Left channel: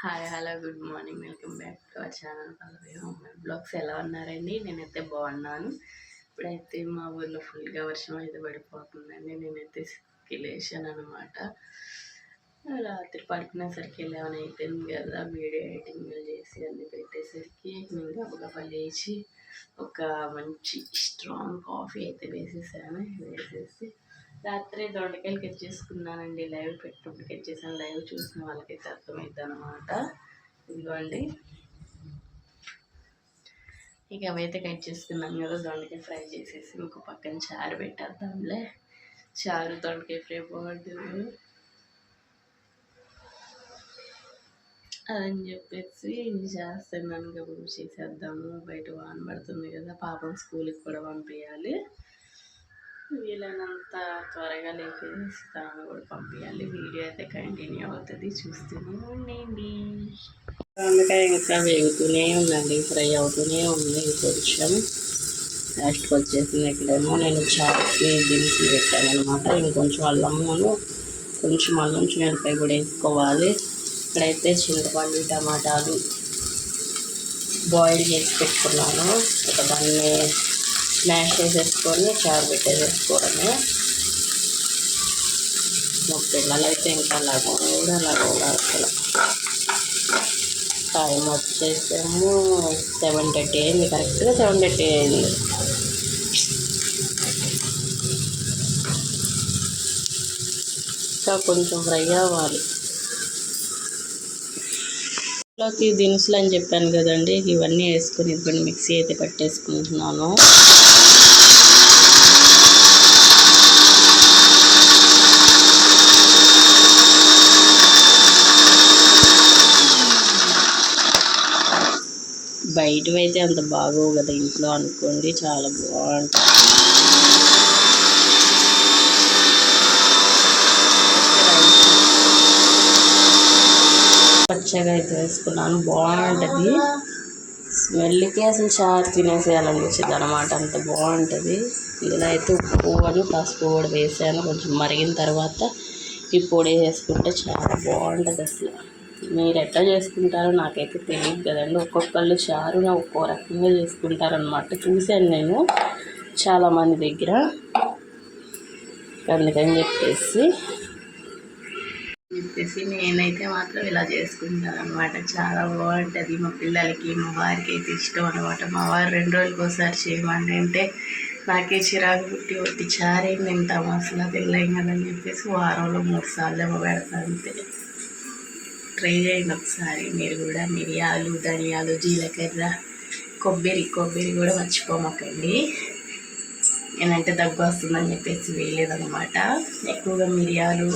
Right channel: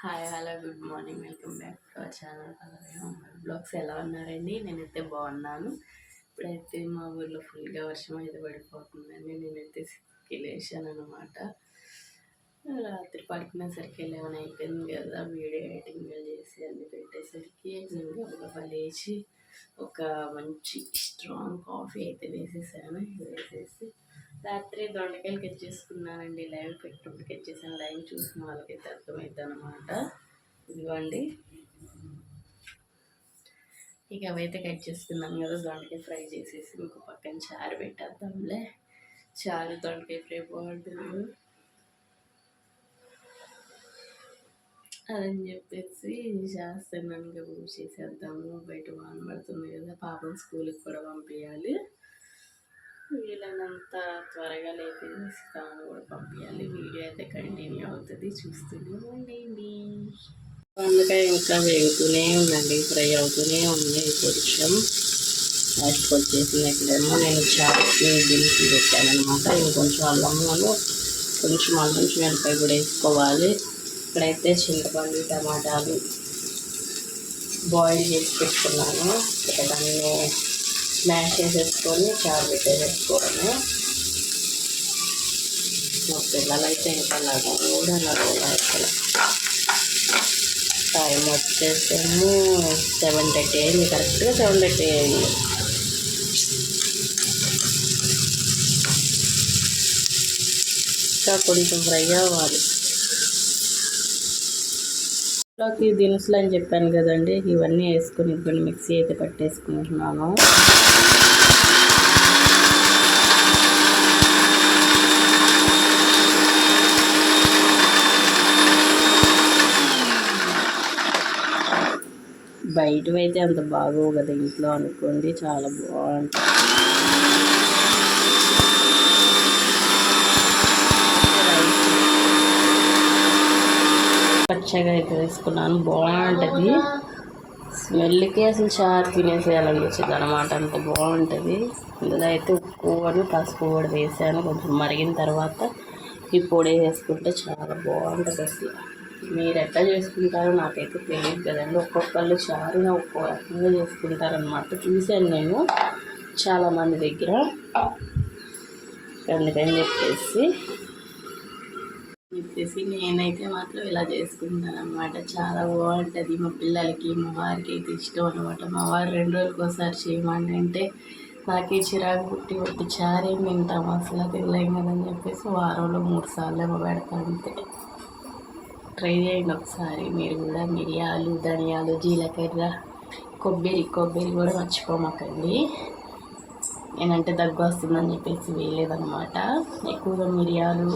Hi hello good morning. Welcome back to our channel. Blogs ఎలా ఉన్నారండి? నేనైతే బాగున్నాను. ఇప్పుడైతే మా ఊర్లో ఫుల్గా వర్షం అయితే పడిపోతుందండి. నేనైతే సిక్కి లేచాను అనమాట రాత్రి పడుకునేసరికి లెవెన్ అయిపోయింది కదా. వీడియో ఎడిటింగ్ చేసి అన్ని పెట్టేసరికి నేను గబగబా లేచి ఒక మంచి స్ట్రాంగ్ కాఫీ అయితే వేసేసాను. వేసేసి రాత్రి దొండకాయలు కట్ చేసుకున్నానండి. లైవ్ పెట్టుకుంటూ కట్ చేశాను. లైవ్ చూసిన వాళ్ళకైతే అర్థమైద్ది అనమాట ఇదిగోండి. ఇక అవైతే కట్ చేసుకున్నాం కదా దొండకాయ ఫ్రై చేసేసి ఇంకో పక్కన చారు పెట్టేద్దాంలే. చారు దొండకాయ ఫ్రై బాగుంటుంది. అదని చెప్పేసి చేస్తున్నాను గబురు చేసేద్దాము. బయట వాన పడుతుంది కదా పాపం స్కూల్కి కూడా పంపించాలి వీలైనంత త్వరగా లేపేసి తాను కూడా పంపించాలి వీడియో అయితే కంటిన్యూ అవుతుంది. చూస్తూనే ఉండండి. అందుకే ఇంకా వేగుతూనే ఉందండి. ఫ్రై అవుతూనే ఉంది కొంచెం. లాస్ట్కి వచ్చేసింది ఇక్కడేమో నేను చాట్ని దించి పెట్టాను అనమాట ఇంకొంచెం అల్లమ్మను కొంచెం అల్లం మిరపకాయ కూడా వేసుకోవాలి. ఇక్కడైతే చింతపండు టమాటాలు బాయిల్ చేసి పెట్టుకున్నాను. ఒక దాన్ని స్మాష్ చేసేసుకొని చారు పెట్టేసేసుకోవడమే మా పిల్లలు అయితే ఇంకా లాగా కూడా అలాగ అసలు. టైం వచ్చేసేమో సెవెన్ థర్టీ అయింది కరెక్ట్గా సెవెన్ థర్టీ అయింది. ఇంకా కొంచెం ఫ్రై అవ్వాలి. లోకి దినుసులు అని చెప్పాను కదండి. ఇవన్నీ వేసుకొని ఇదిగోండి మిక్సీ అయితే పట్టేసుకుంటున్నాను. బయటవైతే అంత బాగోవు కదా ఇంట్లో అనుకోండి. చాలా బాగుంటుంది. పచ్చగా అయితే వేసుకున్నాను. బాగుంటుంది. స్మెల్కి అసలు చారు తినేసేయాలనిపించింది అనమాట అంత బాగుంటుంది. ఇందులో అయితే ఉప్పు అని పసుపు కూడా వేసాను. కొంచెం మరిగిన తర్వాత ఈ పొడి వేసుకుంటే చాలా బాగుంటుంది అసలు. మీరు ఎట్లా చేసుకుంటారో నాకైతే తెలియదు కదండి. ఒక్కొక్కళ్ళు చారున ఒక్కో రకంగా చేసుకుంటారనమాట చూశాను నేను చాలామంది దగ్గర. అందుకని చెప్పేసి చెప్పేసి నేనైతే మాత్రం ఇలా చేసుకుంటాను అనమాట చాలా బాగుంటుంది మా పిల్లలకి మా వారికి అయితే ఇష్టం అనమాట మా వారు రెండు రోజులకి ఒకసారి చేయమని అంటే నాకే చిరాకు పుట్టి ఒట్టి చారేం తింటాము అసలు తినలేం కదని చెప్పేసి వారంలో మూడు సార్లు ఏమో పెడతా అంతే. ట్రై చేయండి ఒకసారి. మీరు కూడా మిరియాలు ధనియాలు జీలకర్ర కొబ్బరి కొబ్బరి కూడా మర్చిపోమాకండి. నేనంటే దగ్గు వస్తుందని చెప్పేసి వేయలేదనమాట ఎక్కువగా మిరియాలు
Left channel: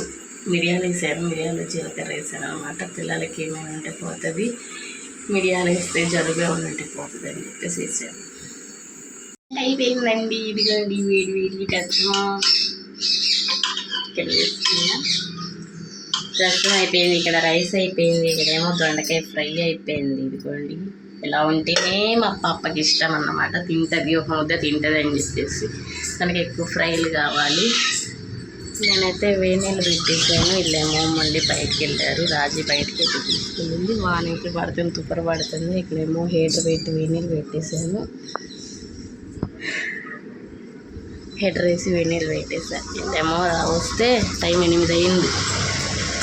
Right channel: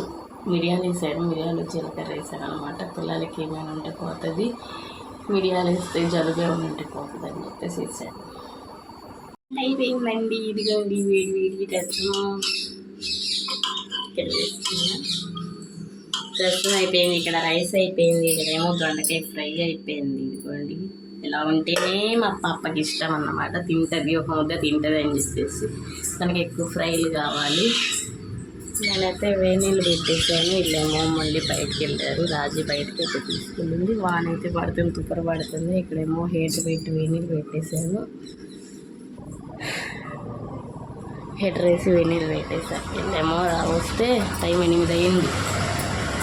మిరియాలు వేసాను మిరియాలు జీలకర్ర వేసాను అనమాట పిల్లలకి ఏమైనా ఉంటే పోతుంది. మిరియాలు వేస్తే జలుబే ఉంటే పోతుంది అని చెప్పేసి వేసాను అయిపోయిందండి. ఇదిగోండి వేడి వేడి రసం ఇక్కడ వేసుకున్నా. రసం అయిపోయింది ఇక్కడ రైస్ అయిపోయింది ఇక్కడ ఏమో దొండకాయ ఫ్రై అయిపోయింది. ఇదిగోండి ఇలా ఉంటేనే మా పాపకి ఇష్టం అన్నమాట. తింటుంది ఒక ముద్ద తింటుంది అని చెప్పేసి. తనకి ఎక్కువ ఫ్రైలు కావాలి. నేనైతే వేనీళ్ళు పెట్టేసాను వీళ్ళేమో మళ్ళీ బయటకు వెళ్ళారు. రాజీ బయటకి అయితే తీసుకెళ్ళింది. వానైతే పడుతుంది తుప్పర పడుతుంది. ఇక్కడేమో హీటర్ పెట్టి వేనీళ్ళు పెట్టేశాను. హీటర్ వేసి వేనీళ్ళు పెట్టేశాను వీళ్ళేమో వస్తే టైం ఎనిమిది అయింది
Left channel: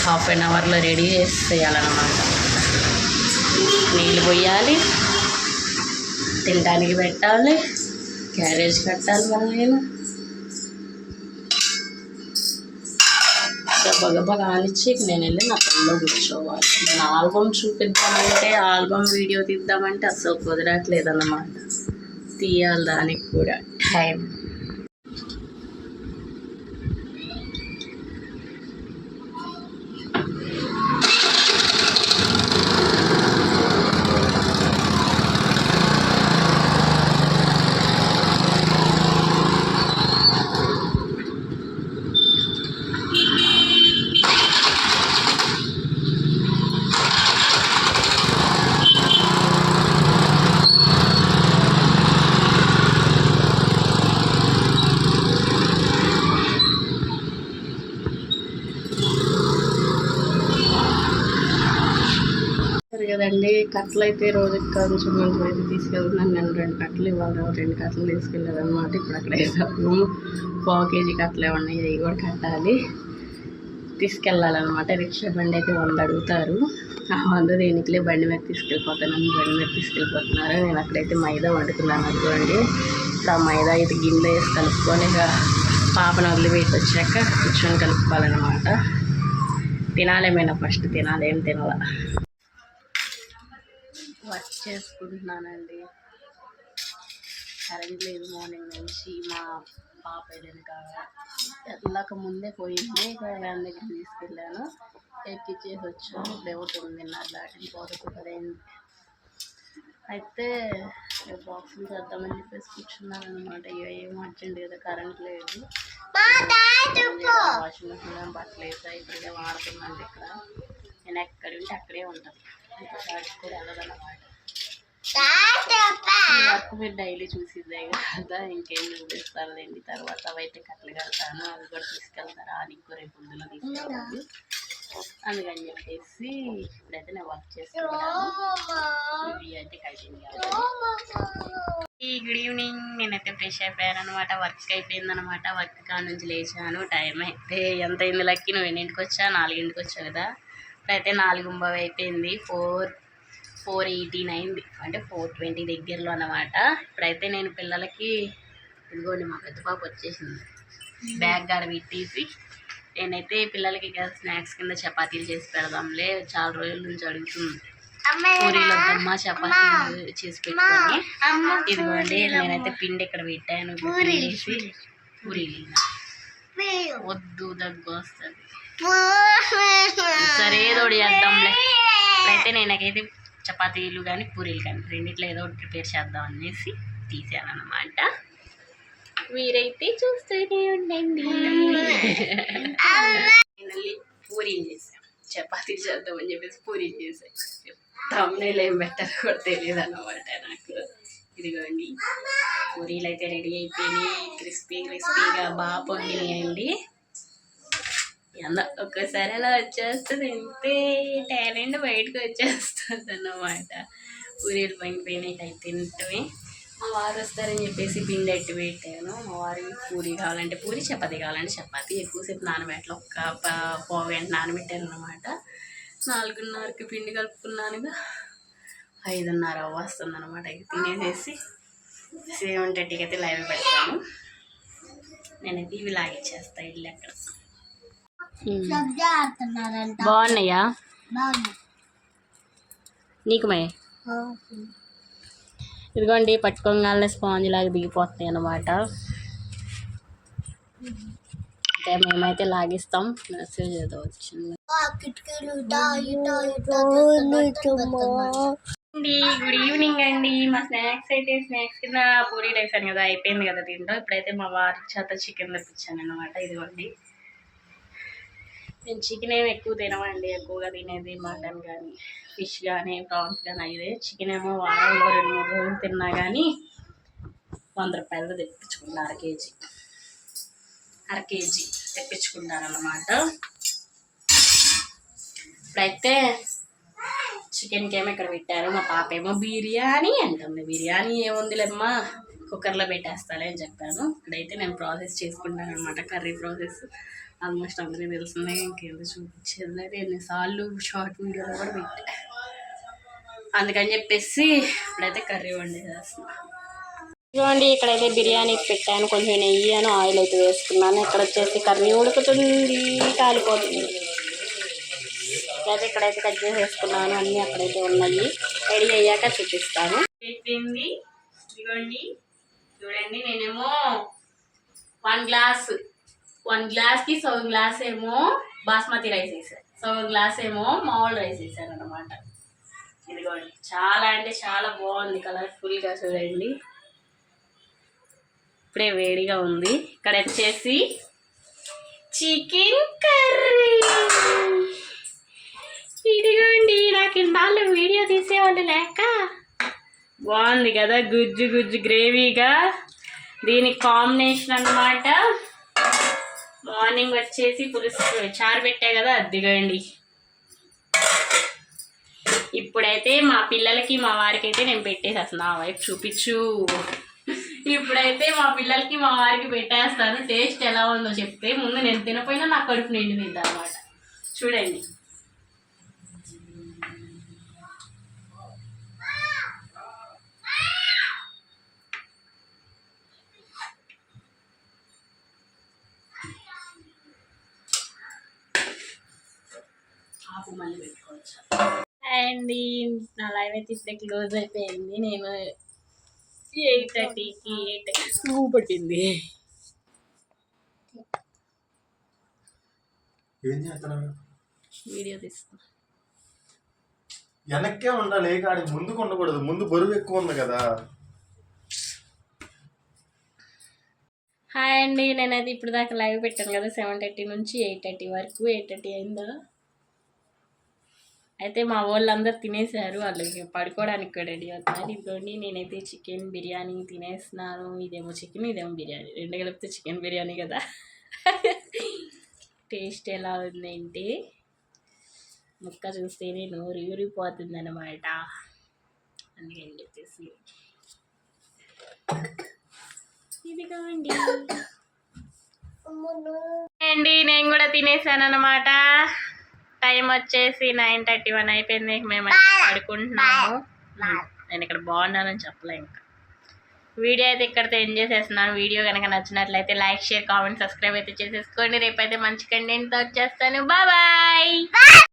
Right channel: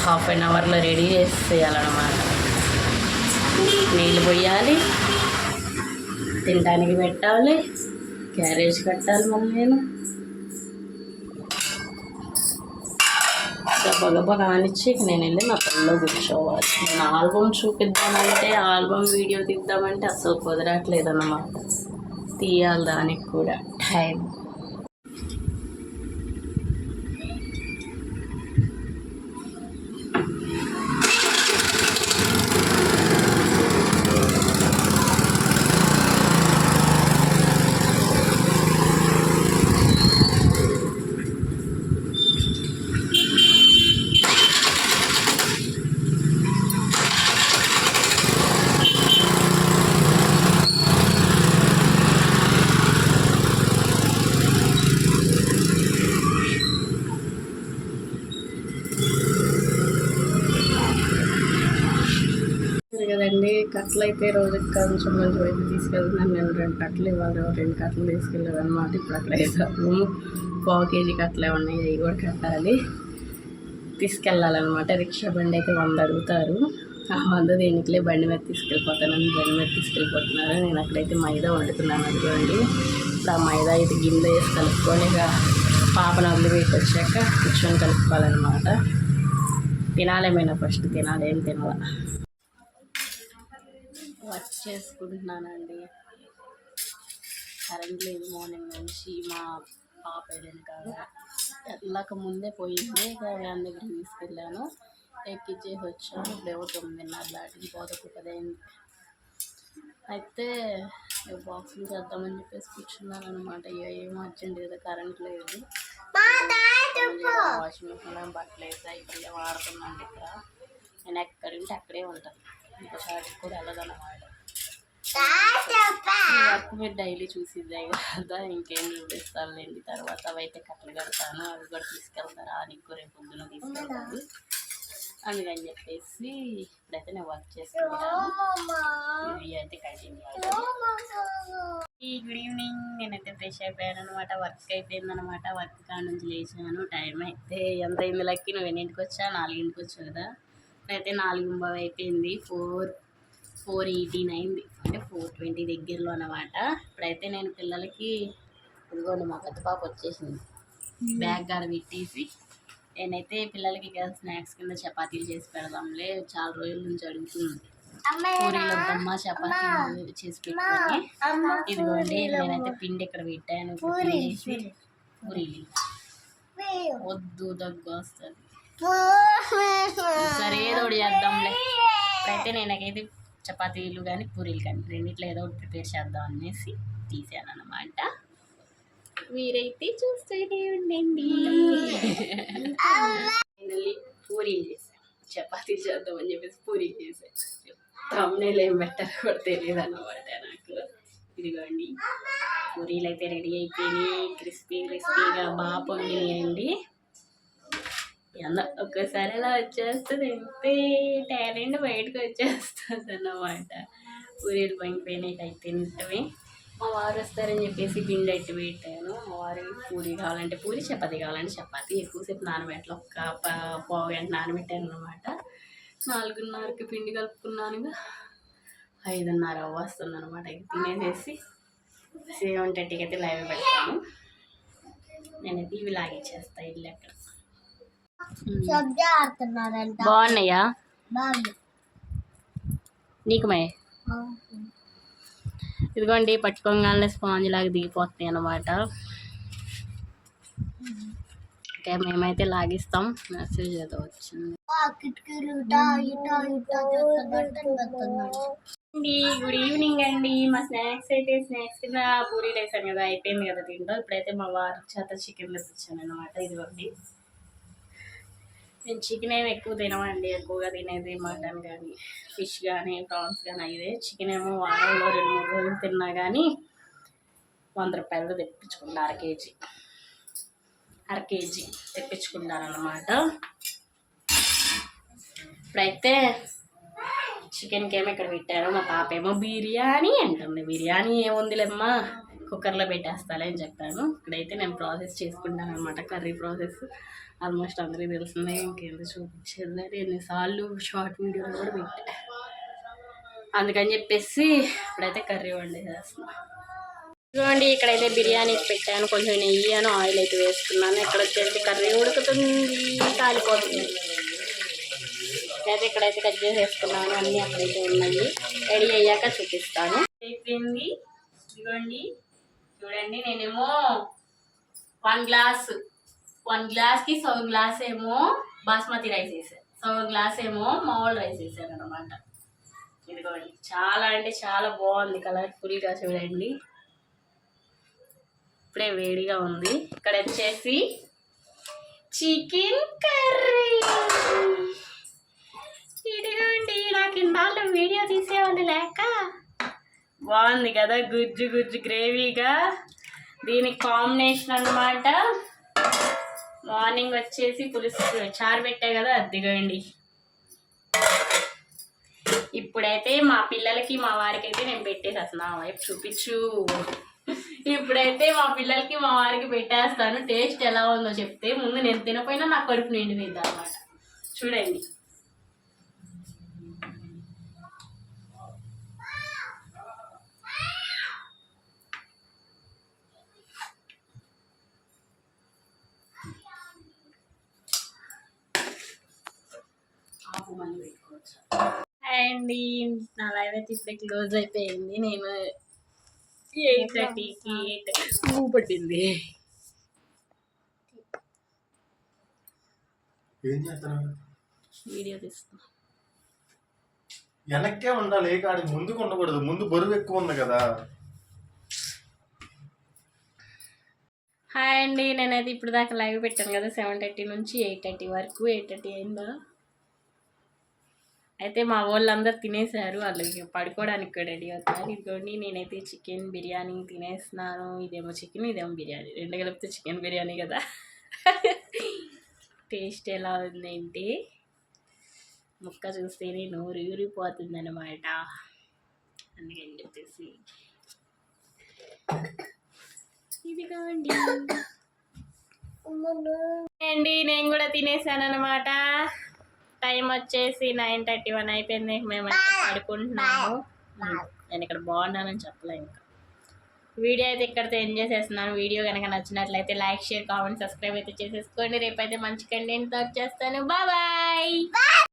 హాఫ్ అన్ అవర్లో రెడీ చేసేయాలన్నమాట. నీళ్ళు పోయాలి. తినడానికి పెట్టాలి. క్యారేజ్ కట్టాలి మళ్ళీ నేను. గబగబా కానిచ్చి నేను వెళ్ళి నా పనిలో కూర్చోవాలి. నేను ఆల్బమ్ చూపిద్దామంటే ఆల్బమ్ వీడియో తీద్దామంటే అసలు కుదరట్లేదన్నమాట. తీయాలి దానికి కూడా. టైం. కట్టలు అయితే రోజుకి కొంచెం కొంచెం అయితే తీసుకెళ్తున్నాను. నేను రెండు కట్టలు ఇవ్వాలి రెండు కట్టలు తీసుకెళ్ళాను అనమాట ఇప్పుడు అక్కడ వేసాము పావు కేజీ కట్టలు ఉన్నాయి అవి కూడా కట్టాలి. తీసుకెళ్ళాలన్నమాట. రిక్షా బండి అయితే వంద అడుగుతారు. ఆ వంద దేనికిలే బండి మీద తీసుకెళ్ళిపోతానని బండి మీద తీసుకెళ్ళిపోతున్నారు. నేను అక్కడైతే మైదా వండుకున్నాను అనుకోండి ఇప్పుడు ఆ మైదా అయితే గిన్నె వేసి కలుపుకొని ఇక పాపను వదిలిపెట్టి వచ్చాక కూర్చొని కలుపుకోవాలన్నమాట. తినాలేమైనా ఫస్ట్ తినాలి ఏం తినాల? వర్క్ చేసుకుంటున్నానండి. కరెంట్ లేదు మార్నింగ్ నుంచి మా పాప ఏదైనా కాదు వెళ్ళక ముందే పోయింది ఇక వ్యాన్ దగ్గరికి తీసుకెళ్ళాను. ఎక్కిచ్చేసి వచ్చాను. ఇప్పుడేమో తొమ్మిదిన్నర దాటింది. పోదకు పదైంది. అయితే బాక్సులు చేద్దామని చెప్పేసి కూర్చున్నాను అనమాట ఏం అర్జెంట్ కదా కరెంట్ లేదు. వాషింగ్ మిషన్లో బట్టలు వేసా ఇక్కడే వాడుతున్నాండి ఇక్కడ. నేను ఎక్కడ ఉంటే అక్కడే ఉంటాను. ఇంకోసారి కూడా వెళ్ళదన్నమాట. ఈ వర్క్ మీరు డైలీ చూసిద్దే కదా ఇంకేం చూపిస్తానులేండి తర్వాత అవైతే కట్టలు కడతాను అవి కూడా తీసుకెళ్తారా నీకు రేపు పొద్దున తీసుకెళ్తాను. అందుకని చెప్పేసి ఇప్పుడైతే నేను వర్క్ చేసుకుంటాను. ఇవి అయితే ఈ గుడ్ ఈవినింగ్ నేనైతే ఫ్రెష్ అయిపోయాను అనమాట వర్క్ అయిపోయింది అనమాట వర్క్ కాడ నుంచి లేచాను. టైం అయితే ఎంత అయింది? లక్కి నువ్వు ఎన్నింటికి వచ్చా? నాలుగింటికి వచ్చావు కదా. ఇప్పుడైతే నాలుగు బావి అయిపోయింది ఫోర్ ఫోర్ ఎయిటీన్ అయింది అంటే ఫోర్ ట్వంటీ దగ్గరలో అనమాట ఇప్పుడైతే నేను పిల్లలకి ఇదిగోండి మా పెద్ద పాప వచ్చేసింది. బ్యాగ్ గాడ పెట్టేసి నేనైతే పిల్లలకి స్నాక్స్ కింద చపాతీలు చేసి పెడదాంలే. చాలా రోజుల నుంచి అడుగుతుంది. పూరీలు వద్దమ్మా చపాతీలు చేసి పెట్టుకొని. ఇదిగోండి నేనైతే పిండి ఇక్కడ పెట్టాను. పూరీలు వద్దు దగ్గు వస్తుంది. ఒకటి చేద్దాంలే. అయితే నేను నాకైతే చపాతీలు కానీ పూరీలు కానీ రెండిట్లో ఏదో ఒకటి ప్రిపేర్ చేద్దాం అనేసి తీసాను అనమాట మీరైతే చూస్తూనే ఉండండి. ఫైనల్లీ పూరీలు చేసాం. చపాతీలు చేద్దామని చెప్పేసి పూరీలు చేసాం. తమ్ముళ్ళు ఏం పెట్టారో కూడా తెలియదు అన్నమాట నాకు. ఇదిగోండి. పూరీలు అయితే రెడీ అయిపోయినాయి. క్రిస్పీ క్రిస్పీగా బాగా పొంగినాయండి. ఎంత ఒక్కసారి అలా వచ్చేస్తుంది ఇంతే. టాలెంట్ బయటకు వచ్చేస్తుంది అన్నమాట పూరీలు పొంగిపోయినాయి అయితే తింటమే మా వారు వస్తారని చెప్పేసి పిండి అట్టి పెట్టాను. మా వారికి పూరి కావాలంటే పూరి చపాతీ కావాలంటే చపాతి. ఎక్కువసేపు నానబెట్టలు. ఒక్క ప- పావు నానబెట్టాను అనమాట నాలుగున్నరకి పిండి కలుపుకున్నానుగా ఐదున్నర వస్తుంది అనమాట తినేసేసి సేమ్ థర్టీకి అయితే లైవ్ పెడతాను. నేనైతే ఇవి లాగిచ్చేస్తాను ఇల్లు ఎక్కడ. సబ్జా ఆడుతున్నారంట. బాగున్నాయా? నీకు మే ఇదిగోండి పట్టుకోగానే స్పాంజ్ లాగా దిగిపోతాయి అన్నమాట. అయితే మేమైతే లాగిస్తాం. మెసేజ్ ఏదో వచ్చింది. ఆ కిటికీలు ఇటా ఇటా ఇటా చేస్తున్నారు. అండి గుడ్ ఈవినింగ్ అండి. మా స్నాక్స్ అయితే స్నాక్స్ కింద పూరీలు వేసాను కదా అయిపోయింది కదా దీంట్లో ఇప్పుడైతే మా వారి చేత చికెన్ తెప్పించాను అనమాట ఇదిగోండి. నేను చికెన్ ఏమి ఎక్కువ తినమండి. ఎక్కువగా తినేది మటన్ కానీ ఫిష్ కానీ ప్రాన్స్ కానీ అయితే చికెన్ ఏమో వారంలో రెండు మూడు రోజులు తిన్నా కానీ వంద రూపాయలు తెప్పించుకుంటా అర కేజీ. అర కేజీ తెప్పించుకుంటారన్నమాట. ఇప్పుడైతే చికెన్కి ఏమో ఇక్కడ పెట్టారు. మా పాప ఏమో బిర్యానీ అంటుంది. బిర్యానీ ఏముందిలేమ్మా కుక్కర్లో పెట్టేస్తాలే అని చెప్పాను. ఇక్కడైతే నేను ప్రాసెస్ చేసుకుంటాను అనమాట కర్రీ ప్రాసెస్ ఆల్మోస్ట్ అందరికీ తెలిసిందే ఇంకేందో చూపించేది ఎన్నిసార్లు షార్ట్ వీడియోలో కూడా పెట్టా. అందుకని చెప్పేసి ఇప్పుడైతే కర్రీ వండేసేస్తున్నా ఇదిగోండి ఇక్కడైతే బిర్యానీకి పెట్టాను. కొంచెం నెయ్యి అని ఆయిల్ అయితే వేసుకున్నాను. ఇక్కడ వచ్చేసి కర్రీ ఉడుకుతుంది కాలిపోతుంది. అయితే ఇక్కడైతే కట్ చేసి వేసుకున్నాను అన్నీ అక్కడైతే ఉన్నాయి. రెడీ అయ్యాక చూపిస్తాను. అయిపోయింది. ఇదిగోండి. చూడండి నేనేమో వన్ గ్లాస్ వన్ గ్లాస్కి సగం గ్లాస్ ఏమో బాస్మతి రైస్ వేసాను సగం గ్లాస్ ఏమో మామూలు రైస్ వేసాను అనమాట ఇదిగోండి. చాలా అంటే చాలా బాగుంది కలర్ఫుల్గా చూడండి. ఇప్పుడే వేడిగా ఉంది. ఇక్కడ వచ్చేసి చికెన్ కర్రీ. ఇదిగోండి నాకు ఇన్నాళ్ళు వీడియో తీసేవాళ్ళు లేక. బాగుంది కదా గుజ్జు గుజ్జు గ్రేవీగా దీనికి కాంబినేషన్ అన్నమాట. మార్నింగ్ వచ్చేసి పులుసు చారు పెట్టా కదా అద్దెగండి ఇప్పుడైతే మా పిల్లలకి మా వారికి అయితే నేను పెట్టేసేస్తాను వైపు చూపించు. ఇప్పుడైతే మా పిల్లలకి మా వారికి పెట్టేస్తాను. టేస్ట్ ఎలా ఉందో చెప్తే ముందు నేను తినపోయినా నా కడుపు నిండింది అనమాట చూడండి. మళ్ళీ పెట్టుకోవచ్చు. అండి. నా లైవ్ అయితే ఇప్పుడే క్లోజ్ అయిపోయింది. నేను ఎయిట్ థర్టీకి ఎయిట్ పట్టింది. ఏం చేస్తున్నావు? వీడియో తీస్తున్నా. వెనక్కే ఉండాలి ఏ కాడి ముందుకు ఉండకూడదు. ముందు బరువు ఎక్కువ ఉంది కదా. హాయ్ అండి. నేనైతే ఇప్పుడు దాకా లైవ్ పెట్టాను కదా సెవెన్ థర్టీ నుంచి ఎయిట్ థర్టీ వరకు. ఎయిట్ థర్టీ అయిందా? అయితే మా వాళ్ళందరూ తినేశారు వాళ్ళకి పడుకోవడానికి కూడా రెడీ అవుతున్నారు. ఇదిగోండి నేనైతే చికెన్ బిర్యానీ తినేస్తున్నాను. ఇదేమో చికెన్ ఇదేమో బిర్యానీ. రెండు కలిపితే చికెన్ బిర్యానీ కదా. టేస్ట్ ఎలా ఉందేంటి ముక్క చూస్తేనే నోరు ఊరిపోతుంది అనమాట అందుకని చెప్పేసి. ఇదిగోండి. అండి నేను కూడా తినేసాను అనమాట టైం వచ్చేసి నైన్ థర్టీ వన్ అయిపోయింది. మేమైతే పడుకుంటున్నాము. నేను ఇక్కడ బాగున్నానని చెప్పలే ఇంకా. వీడియో అయితే ఇక్కడితో ఎంజాయ్ చేస్తున్నాను వీడియో కనుక నచ్చినట్లయితే లైక్ షేర్ కామెంట్ సబ్స్క్రైబ్ అయితే చేసేసుకోండి. రేపైతే మంచి కంటెంట్తో వచ్చేస్తాను. బాయ్.